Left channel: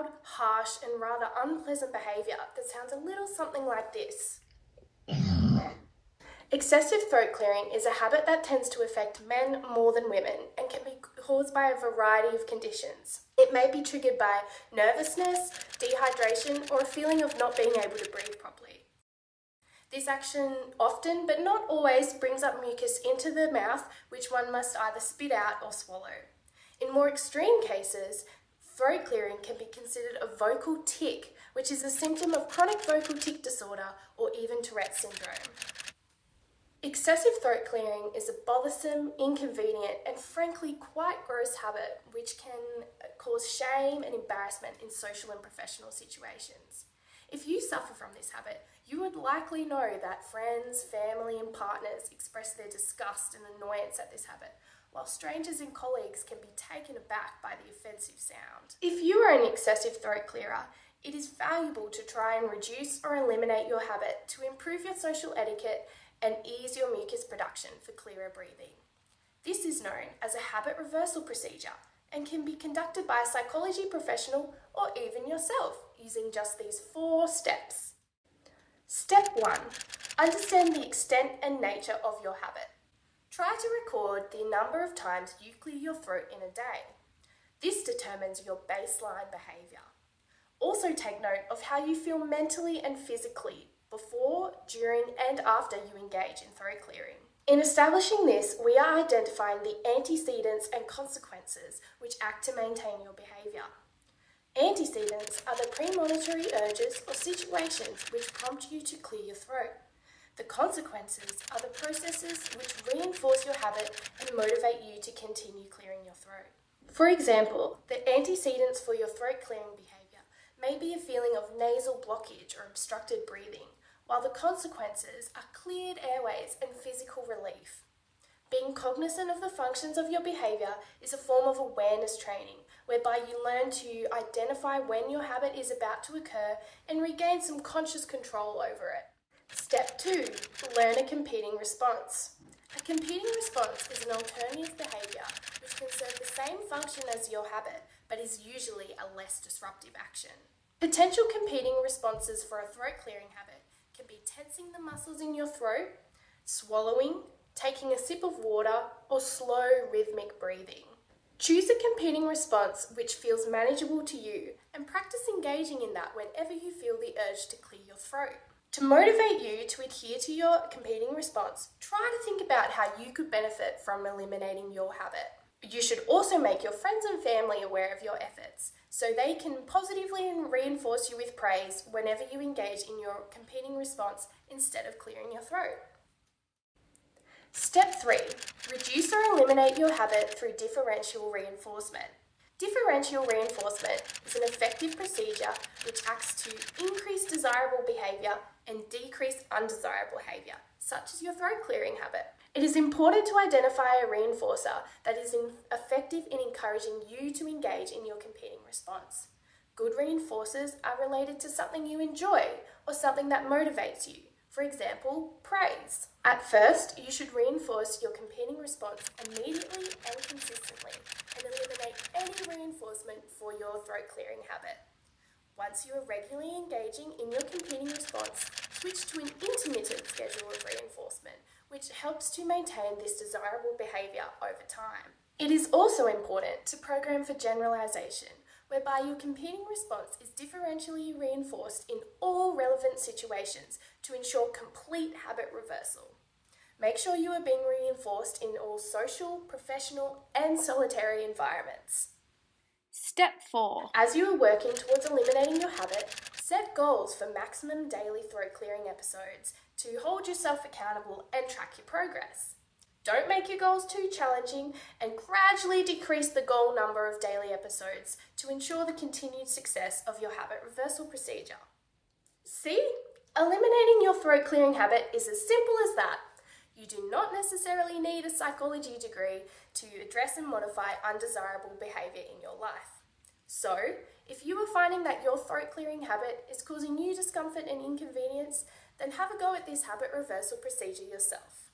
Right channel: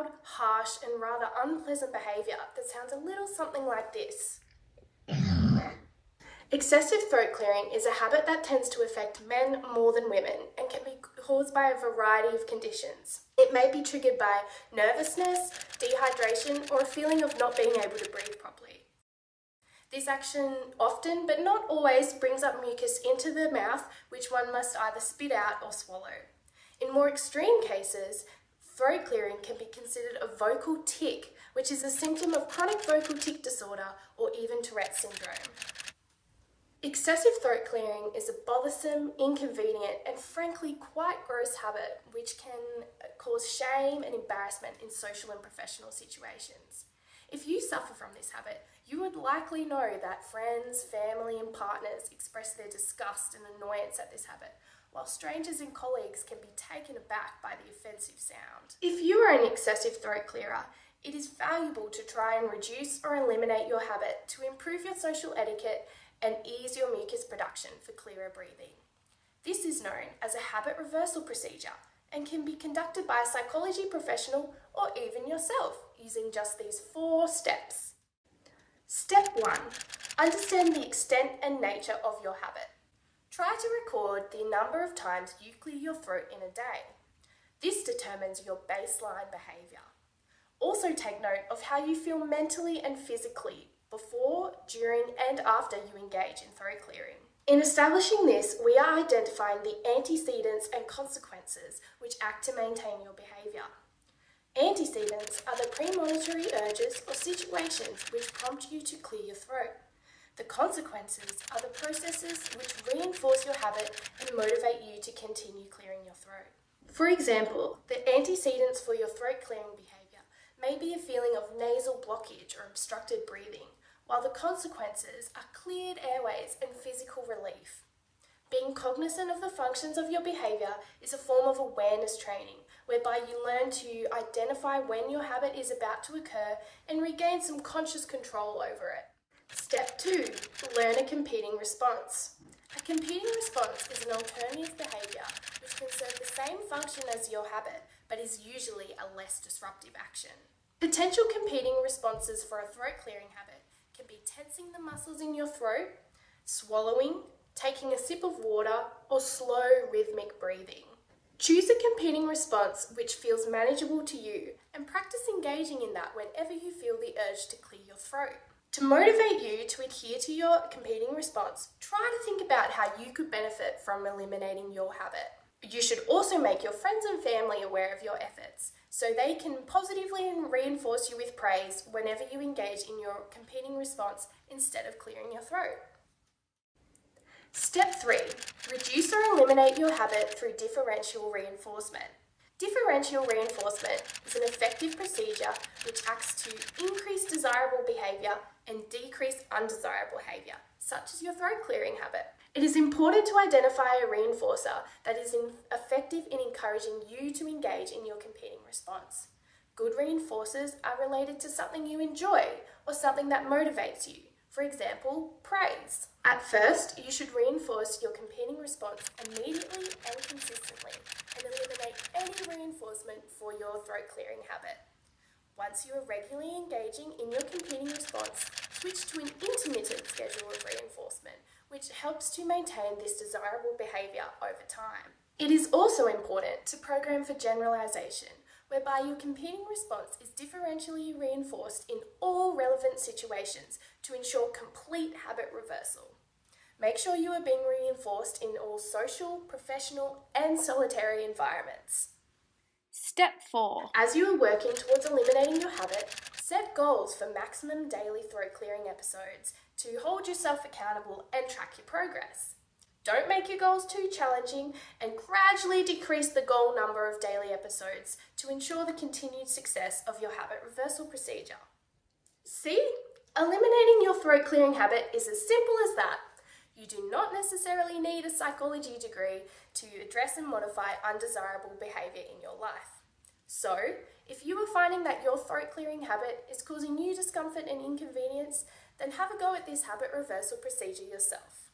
loud, harsh, and rather unpleasant behaviour that sounds a little something like this. Excessive throat clearing is a habit that tends to affect men more than women and can be caused by a variety of conditions. It may be triggered by nervousness, dehydration, or a feeling of not being able to breathe properly. This action often, but not always, brings up mucus into the mouth, which one must either spit out or swallow. In more extreme cases, throat clearing can be considered a vocal tic, which is a symptom of chronic vocal tic disorder or even Tourette's syndrome. Excessive throat clearing is a bothersome, inconvenient, and frankly quite gross habit which can cause shame and embarrassment in social and professional situations. If you suffer from this habit, you would likely know that friends, family, and partners express their disgust and annoyance at this habit, while strangers and colleagues can be taken aback by the offensive sound. If you are an excessive throat clearer, it is valuable to try and reduce or eliminate your habit to improve your social etiquette and ease your mucus production for clearer breathing. This is known as a habit reversal procedure and can be conducted by a psychology professional or even yourself using just these 4 steps. Step 1. Understand the extent and nature of your habit. Try to record the number of times you clear your throat in a day. This determines your baseline behaviour. Also take note of how you feel mentally and physically before, during, and after you engage in throat clearing. In establishing this, we are identifying the antecedents and consequences which act to maintain your behaviour. Antecedents are the premonitory urges or situations which prompt you to clear your throat. The consequences are the processes which reinforce your habit and motivate you to continue clearing your throat. For example, the antecedents for your throat clearing behaviour may be a feeling of nasal blockage or obstructed breathing, while the consequences are cleared airways and physical relief. Being cognizant of the functions of your behaviour is a form of awareness training, whereby you learn to identify when your habit is about to occur and regain some conscious control over it. Step 2. Learn a competing response. A competing response is an alternative behaviour which can serve the same function as your habit, but is usually a less disruptive action. Potential competing responses for a throat clearing habit can be tensing the muscles in your throat, swallowing, taking a sip of water, or slow rhythmic breathing. Choose a competing response which feels manageable to you and practice engaging in that whenever you feel the urge to clear your throat. To motivate you to adhere to your competing response, try to think about how you could benefit from eliminating your habit. You should also make your friends and family aware of your efforts, so they can positively reinforce you with praise whenever you engage in your competing response instead of clearing your throat. Step 3. Reduce or eliminate your habit through differential reinforcement. Differential reinforcement is an effective procedure which acts to increase desirable behaviour and decrease undesirable behaviour, such as your throat clearing habit. It is important to identify a reinforcer that is effective in encouraging you to engage in your competing response. Good reinforcers are related to something you enjoy or something that motivates you. For example, praise. At first, you should reinforce your competing response immediately and consistently and eliminate any reinforcement for your throat clearing habit. Once you are regularly engaging in your competing response, switch to an intermittent schedule of reinforcement, which helps to maintain this desirable behaviour over time. It is also important to program for generalisation, whereby your competing response is differentially reinforced in all relevant situations to ensure complete habit reversal. Make sure you are being reinforced in all social, professional, and solitary environments. Step 4. As you are working towards eliminating your habit, set goals for maximum daily throat clearing episodes to hold yourself accountable and track your progress. Don't make your goals too challenging and gradually decrease the goal number of daily episodes to ensure the continued success of your habit reversal procedure. See? Eliminating your throat clearing habit is as simple as that. You do not necessarily need a psychology degree to address and modify undesirable behaviour in your life. So, if you are finding that your throat clearing habit is causing you discomfort and inconvenience, then have a go at this habit reversal procedure yourself.